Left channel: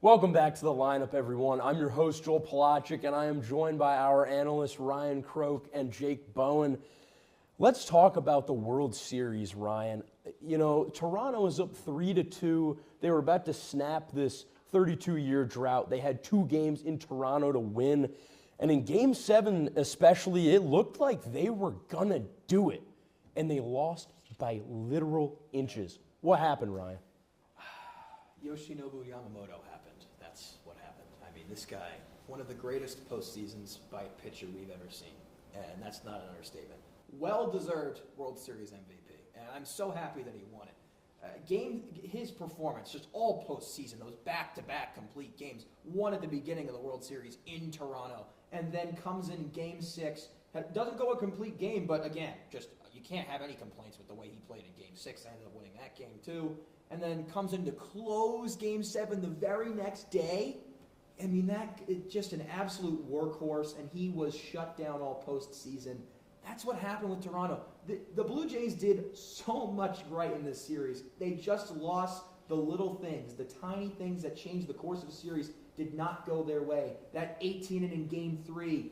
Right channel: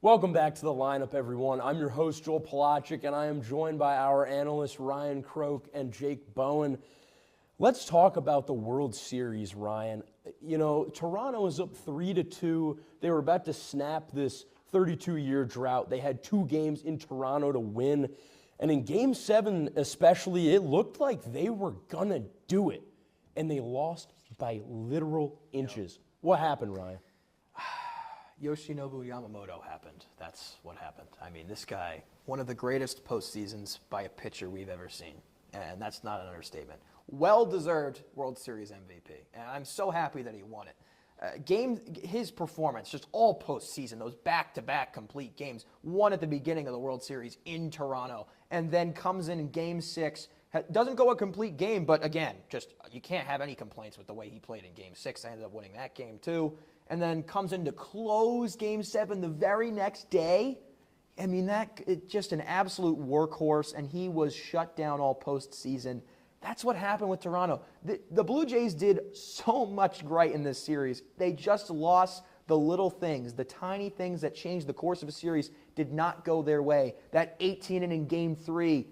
Welcome back to the lineup, everyone. I'm your host, Joel Pelachik, and I am joined by our analysts, Ryan Croke and Jake Bowen. Let's talk about the World Series, Ryan. You know, Toronto is up 3-2. They were about to snap this 32-year drought. They had 2 games in Toronto to win. And in Game 7 especially, it looked like they were going to do it. And they lost by literal inches. What happened, Ryan? Yoshinobu Yamamoto happened. That's what happened. I mean, this guy, one of the greatest postseasons by a pitcher we've ever seen. And that's not an understatement. Well-deserved World Series MVP. And I'm so happy that he won it. His performance, just all postseason, those back-to-back complete games, one at the beginning of the World Series in Toronto, and then comes in Game 6, doesn't go a complete game, but again, just you can't have any complaints with the way he played in Game 6. I ended up winning that game too. And then comes in to close Game 7 the very next day. I mean, just an absolute workhorse, and he was shut down all postseason. That's what happened with Toronto. The Blue Jays did so much right in this series. They just lost the little things, the tiny things that changed the course of a series did not go their way. That 18-inning Game 3,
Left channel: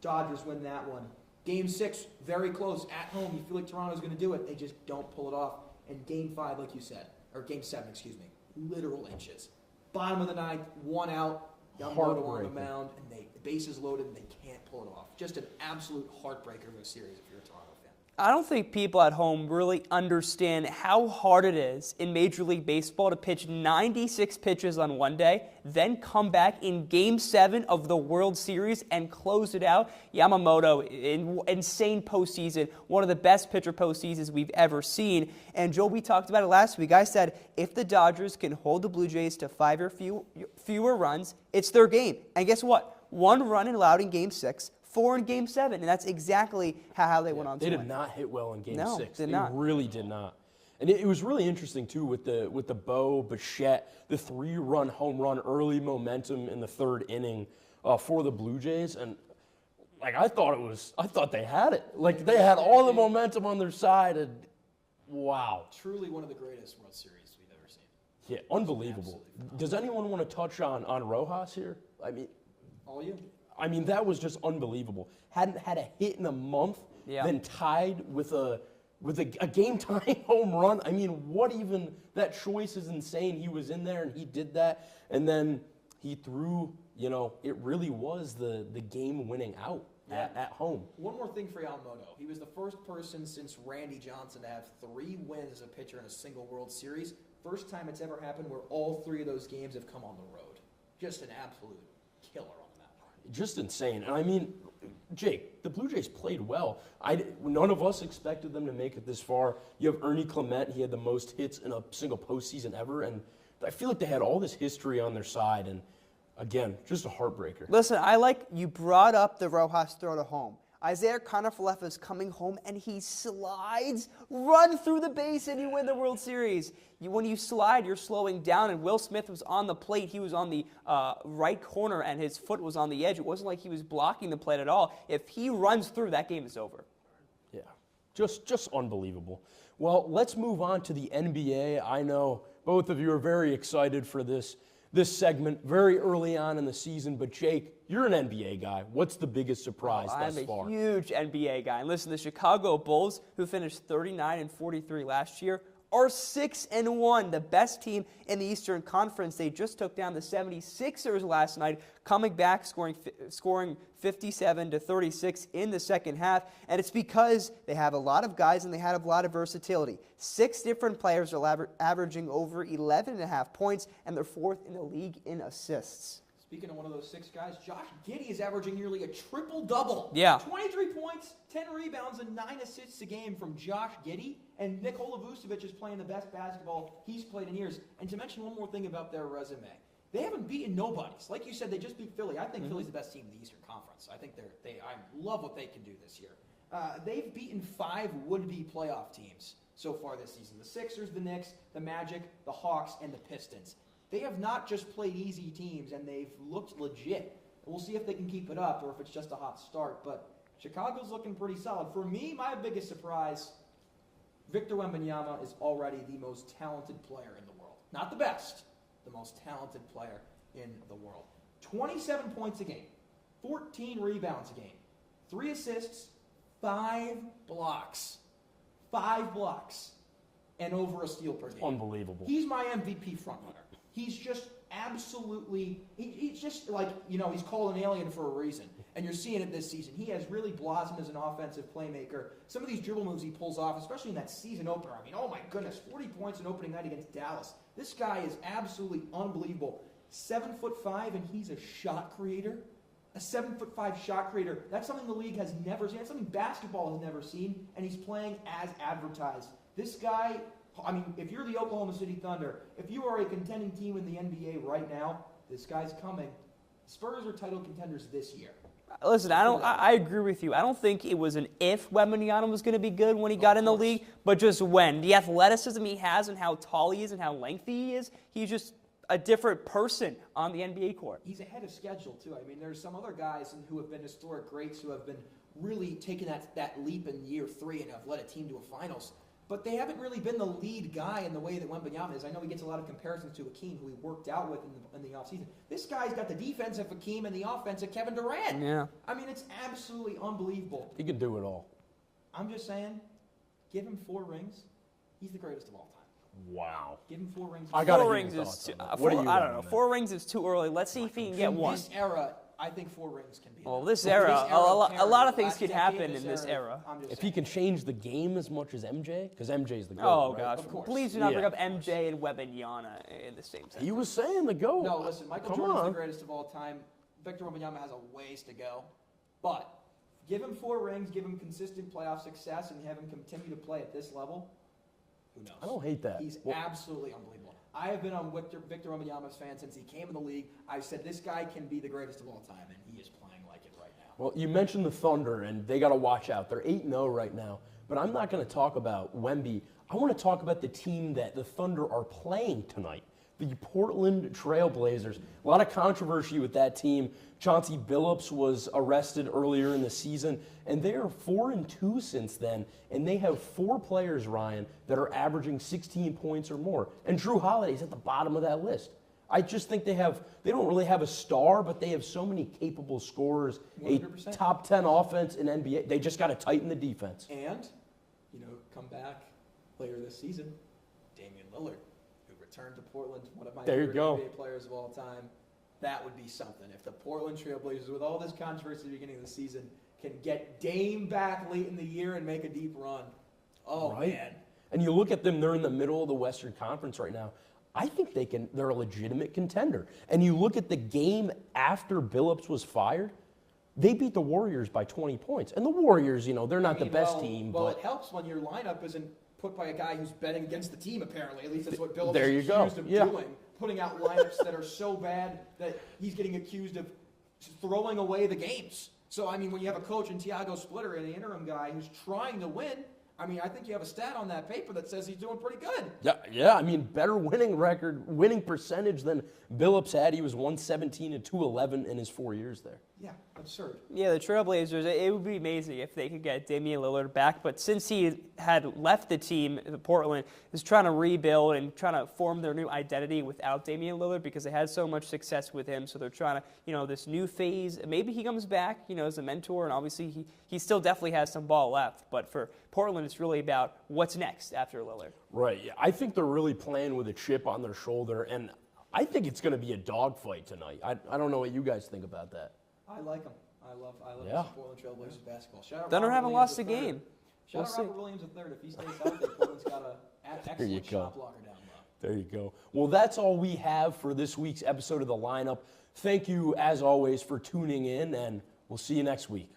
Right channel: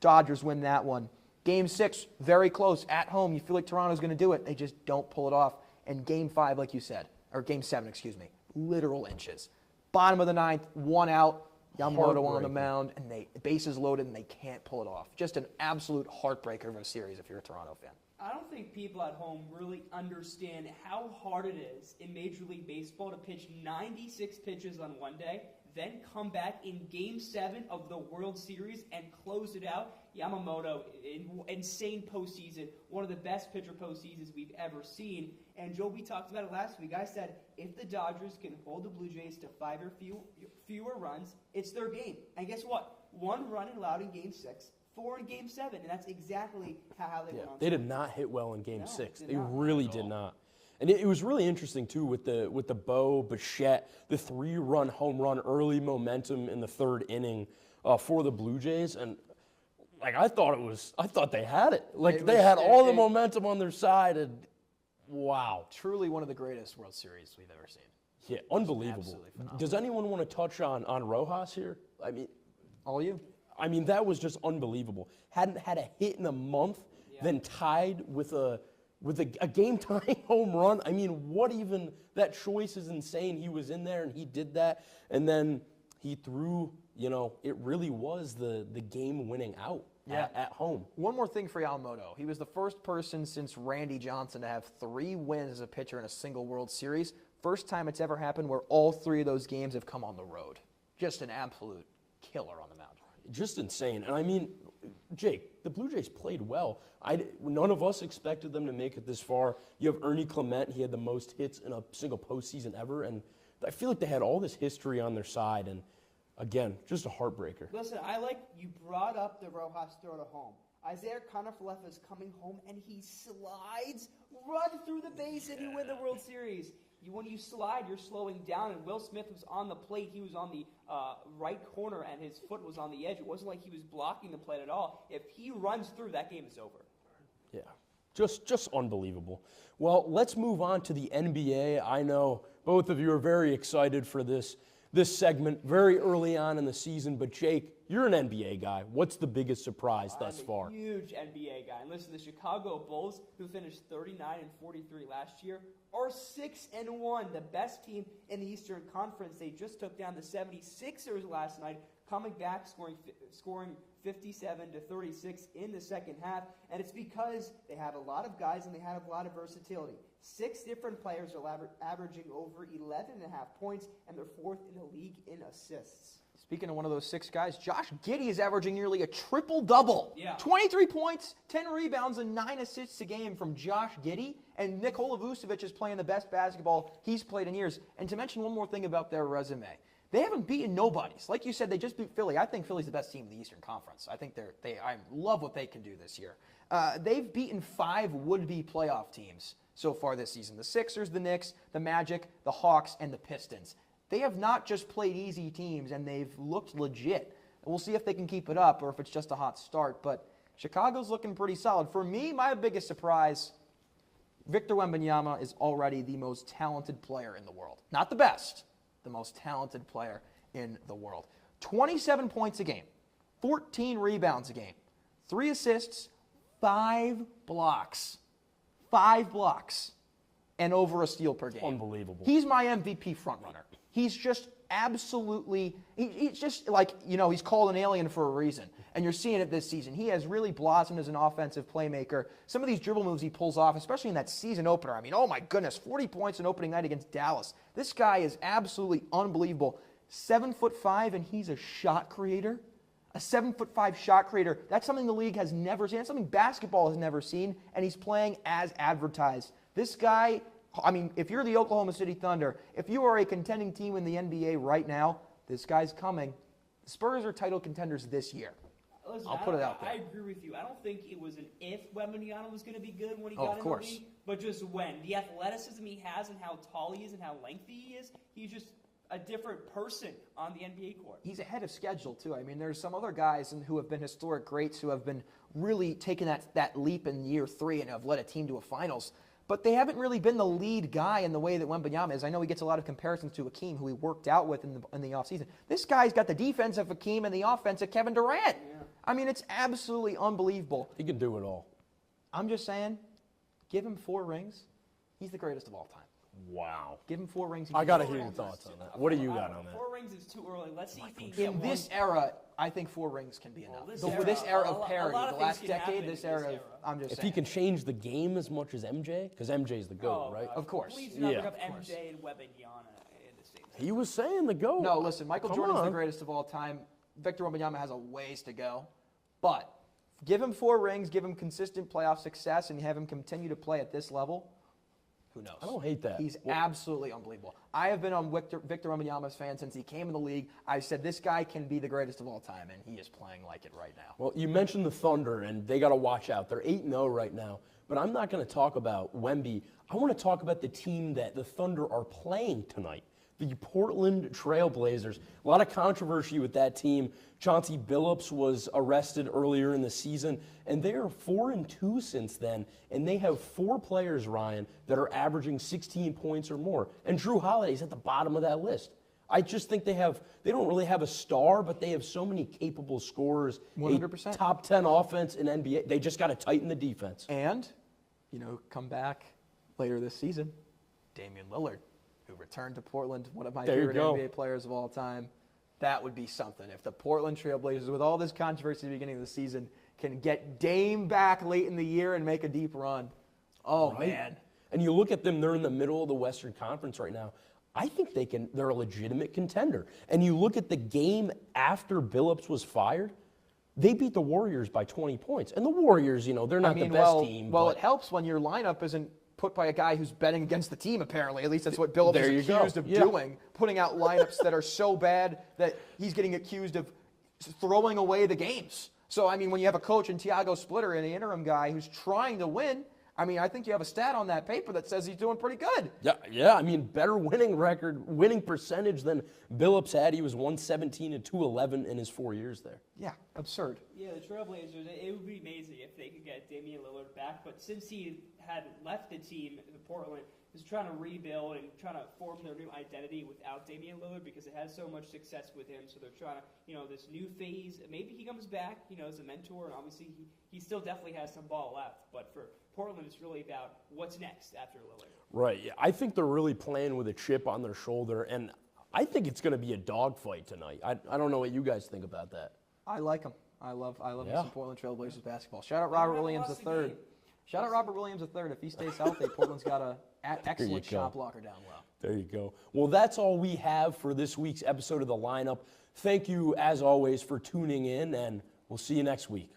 Dodgers win that one. Game 6, very close, at home. You feel like Toronto's going to do it. They just don't pull it off. And Game 5, like you said, or Game 7, literal inches. Bottom of the 9th, 1 out, Yamamoto on the mound, and bases loaded, and they can't pull it off. Just an absolute heartbreaker of a series if you're a Toronto fan. I don't think people at home really understand how hard it is in Major League Baseball to pitch 96 pitches on one day, then come back in Game 7 of the World Series and close it out. Yamamoto, insane postseason, one of the best pitcher postseasons we've ever seen. And Joe, we talked about it last week. I said if the Dodgers can hold the Blue Jays to 5 or fewer runs, it's their game. And guess what? 1 run allowed in Game 6. 4 in Game 7, and that's exactly how they went on. They did not hit well in Game 6. They not. Really did not. And it was really interesting too with the Bo Bichette, the 3-run home run, early momentum in the 3rd inning for the Blue Jays, and I thought they had it. They had all the momentum on their side, and wow, truly one of the greatest World Series we've ever seen. Yeah, unbelievable. Does anyone want to touch on Rojas here? I mean, all you. I mean, that was just unbelievable. Hadn't had a hit in a month, then tied with a game-tying home run. I mean, that choice is insane. He was in there, and he did that. And then he threw, it really was the game-winning out at home. One more thing for Yamamoto. He was the first person since Randy Johnson to have 3 wins as a pitcher in a single World Series. First time it's ever happened where all 3 of those games have come on the road. Just an absolute killer on the mound. Just insane. And I mean, Jake, the Blue Jays played well. None of us expected them to make it this far. You have Ernie Clement. He had the most hits in a single postseason ever. And I feel like they had all this history on their side. And again, just a heartbreaker. Listen, you brought up the Rojas throw to home. Isaiah Kiner-Falefa is coming home, and he slides, run through the base, and you win the World Series. When you slide, you're slowing down, and Will Smith was on the plate. He was on the right corner, and his foot was on the edge. It wasn't like he was blocking the plate at all. If he runs through, that game is over. Yeah, just unbelievable. Well, let's move on to the NBA. I know both of you are very excited for this segment very early on in the season, but Jake, you're an NBA guy. What's the biggest surprise thus far? I'm a huge NBA guy. And listen, the Chicago Bulls, who finished 39-43 last year, are 6-1, the best team in the Eastern Conference. They just took down the 76ers last night, coming back, scoring 57-36 in the second half. And it's because they have a lot of guys and they have a lot of versatility. 6 different players are averaging over 11.5 points, and they're 4th in the league in assists. Speaking of one of those 6 guys, Josh Giddey is averaging nearly a triple-double. Yeah. 23 points, 10 rebounds, and 9 assists a game from Josh Giddey. And Nikola Vucevic is playing the best basketball he's played in years. And to mention one more thing about their resume, they haven't beaten nobodies. Like you said, they just beat Philly. I think Philly's the best team in the Eastern Conference. I think I love what they can do this year. They've beaten 5 would-be playoff teams so far this season. The Sixers, the Knicks, the Magic, the Hawks, and the Pistons. They have not just played easy teams, and they've looked legit. We'll see if they can keep it up or if it's just a hot start. But Chicago's looking pretty solid. For me, my biggest surprise, Victor Wembanyama is already the most talented player in the world. Not the best, the most talented player in the world. 27 points a game, 14 rebounds a game, 3 assists, 5 blocks. 5 blocks, and over a steal per game. Unbelievable. He's my MVP frontrunner. He's just absolutely, he's just like, he's called an alien for a reason. And you're seeing it this season. He has really blossomed as an offensive playmaker. Some of these dribble moves he pulls off, especially in that season opener. I mean, oh my goodness, 40 points in opening night against Dallas. This guy is absolutely unbelievable. 7'5", and he's a shot creator. A 7'5" shot creator. That's something the league has never seen. That's something basketball has never seen, and he's playing as advertised. This guy, I mean, if you're the Oklahoma City Thunder, if you are a contending team in the NBA right now, this guy's coming. The Spurs are title contenders this year. Listen, I agree with you. I don't think it was an if Wembanyama was going to be good when he got in the league, but just when. The athleticism he has and how tall he is and how lengthy he is, he's just a different person on the NBA court. He's ahead of schedule, too. I mean, there's some other guys who have been historic greats who have been really taking that leap in year 3 and have led a team to a finals. But they haven't really been the lead guy in the way that Wembanyama is. I know he gets a lot of comparisons to Hakeem, who he worked out with in the offseason. This guy's got the defense of Hakeem and the offense of Kevin Durant. Yeah. I mean, it's absolutely unbelievable. He can do it all. I'm just saying, give him 4 rings. He's the greatest of all time. Wow. Give him 4 rings. I got to hear your thoughts on that. What do you got? I don't know. 4 rings is too early. Let's see if he can get one. In this era, I think 4 rings can be enough. Well, this era, a lot of things could happen in this era. If he can change the game as much as MJ, because MJ's the GOAT, right? Gosh. Of course. Please do not bring up MJ and Wembanyama in the same sentence. He was saying the GOAT. No, listen, Michael Jordan's the greatest of all time. Victor Wembanyama has a ways to go. But give him 4 rings, give him consistent playoff success, and have him continue to play at this level. Who knows? I don't hate that. He's absolutely unbelievable. I have been on Victor Wembanyama's fan since he came in the league. I said this guy can be the greatest of all time, and he is playing like it right now. Well, you mentioned the Thunder, and they got to watch out. They're 8-0 right now. But I'm not going to talk about Wemby. I want to talk about the team that the Thunder are playing tonight, the Portland Trail Blazers. A lot of controversy with that team. Chauncey Billups was arrested earlier in the season, and they are 4-2 since then. And they have 4 players, Ryan, that are averaging 16 points or more. And Drew Holiday's at the bottom of that list. I just think they don't really have a star, but they have so many capable scorers. 100%. A top 10 offense in NBA. They just got to tighten the defense. And, come back later this season, Damian Lillard, who returned to Portland, one of my favorite NBA players of all time. That would be something. If the Portland Trail Blazers, with all this controversy at the beginning of the season, can get Dame back late in the year and make a deep run. Oh, right. Man. And you look at them, they're in the middle of the Western Conference right now. I think they're a legitimate contender. And you look at the game after Billups was fired, they beat the Warriors by 20 points. And the Warriors, they're not the best team. Well, it helps when your lineup isn't put by a guy who's betting against the team, apparently. At least that's what Billups is accused of doing, putting out lineups that are so bad that he's getting accused of throwing away the games. So, when you have a coach in Thiago Splitter and an interim guy who's trying to win, I think you have a stat on that paper that says he's doing pretty good. Yeah. Better winning percentage than Billups had. He was 117 and 211 in his 4 years there. Yeah, absurd. Yeah, the Trailblazers, it would be amazing if they could get Damian Lillard back. But since he had left the team, Portland is trying to rebuild and trying to form their new identity without Damian Lillard because they had so much success with him. So they're trying to, this new phase. Maybe he comes back, as a mentor. And obviously he still definitely has some ball left. But for Portland, it's really about what's next after Lillard. Right. Yeah. I think they're really playing with a chip on their shoulder. And I think it's going to be a dogfight tonight. I don't know what you guys think about that. I like them. I love the Portland Trail Blazers basketball. Shout out Thunder Robert haven't Williams lost a III. game. Shout out Robert Williams III. If he stays healthy, Portland's got an excellent shot blocker down low. There you go. Well, that's all we have for this week's episode of The Lineup. Thank you, as always, for tuning in, and we'll see you next week.